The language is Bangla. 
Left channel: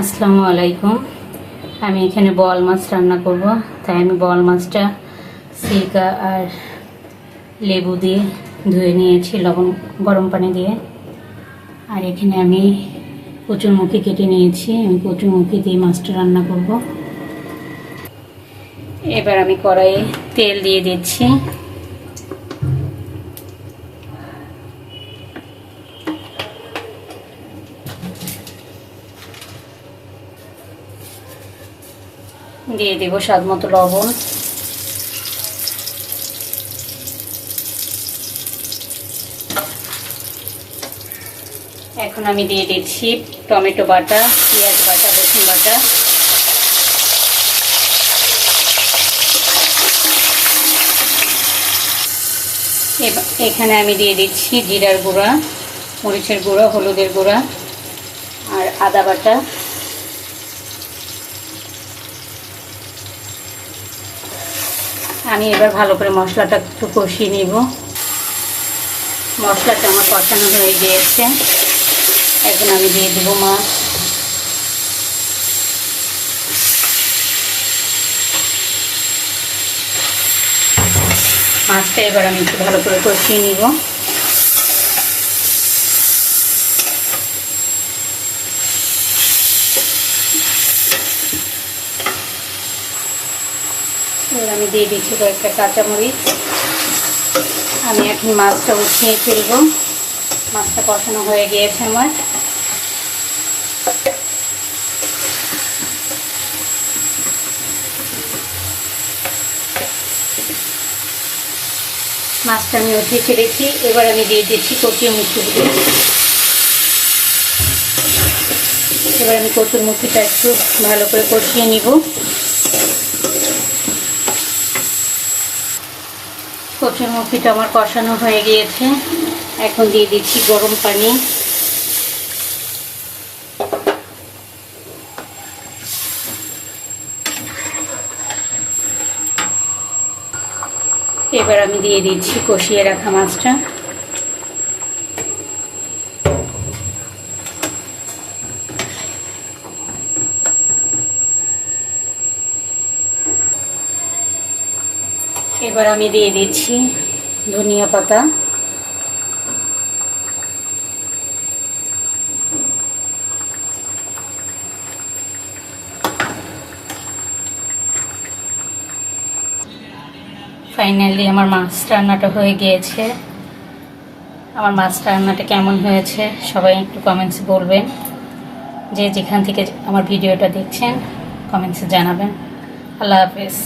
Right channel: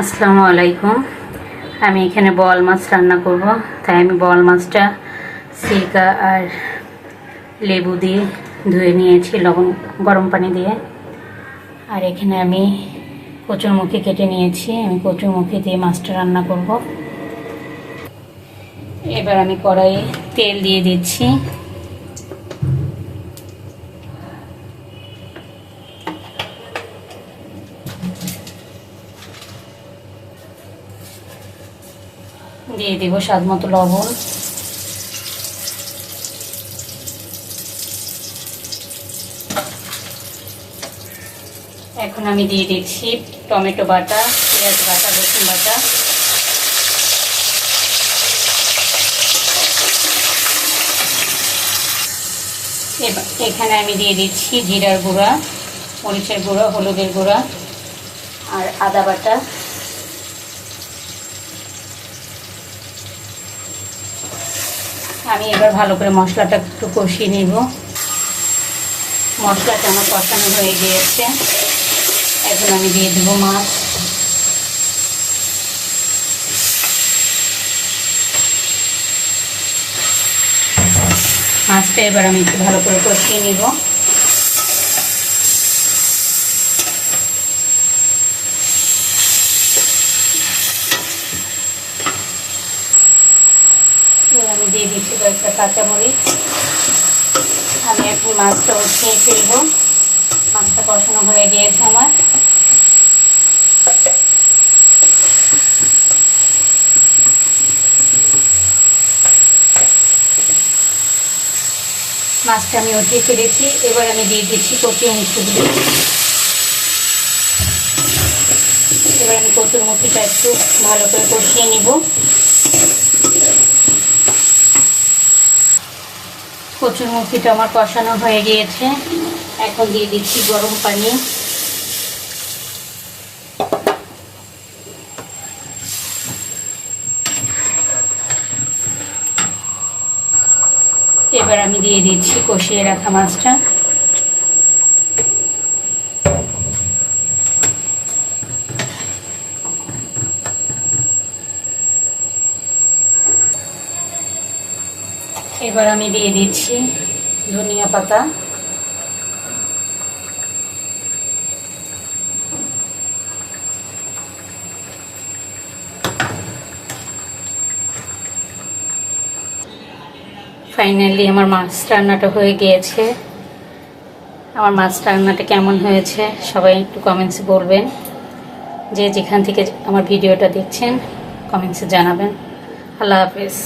আসসালামু আলাইকুম। আমি এখানে বল মাছ রান্না করব। তাই আমি বল মাছটা সিরকা আর লেবু দিয়ে ধুয়ে নিয়েছি, লবণ, গরম পানি দিয়ে। আর এখানে আমি কচুরমুখী কেটে নিয়েছি। আমি কচুরমুখী দিয়ে মাছটা রান্না করব। এবার আমি কড়াইয়ে তেল দিয়ে দিচ্ছি। দিয়ে দেবো স্বাদ মতো লবণ। এখন আমি দিয়ে দিচ্ছি টমেটো বাটা, পেঁয়াজ বাটা, রসুন বাটা। এখানে আমি দিয়ে দিচ্ছি জিরার গুঁড়া, মরিচের গুঁড়া, হলুদের গুঁড়া আর আদা বাটা। আমি এবার ভালো করে মশলাটা একটু কষিয়ে নিব। মশলাটা আমার পছন্দ হয়ে গিয়েছে। এখন আমি দিয়ে দেবো মাছ। মাছটা এবার আমি একটু ভালো করে কষিয়ে নিব। আমি দিয়ে দিচ্ছি কয়েকটা কাঁচামরিচ। আমি এখন মাছটা উঠিয়ে ফেলব। মাছটা কষানো হয়ে গিয়েছে আমার। মাছটা আমি উঠিয়ে ফেলেছি। এবার আমি দিয়ে দিচ্ছি কচুর মুখিগুলো এবার আমি কচুর মুখিটা একটু ভালো করে কষিয়ে নিব। কচুর মুখিটা আমার কষানো হয়ে গিয়েছে। এখন দিয়ে দিচ্ছি গরম পানি। এবার আমি দিয়ে দিচ্ছি কষিয়ে রাখা মাছটা। এবার আমি দিয়ে দিচ্ছি ধনিয়া পাতা। ফাইনালি আমার মাছ রান্নাটা হয়ে গিয়েছে। আমার মাছ রান্নাটা কেমন হয়েছে, সবাই একটু কমেন্টসে বলবেন। যে যেখান থেকে আমার ভিডিওটা দেখছেন কমেন্টসে জানাবেন। আল্লাহ হাফেজ।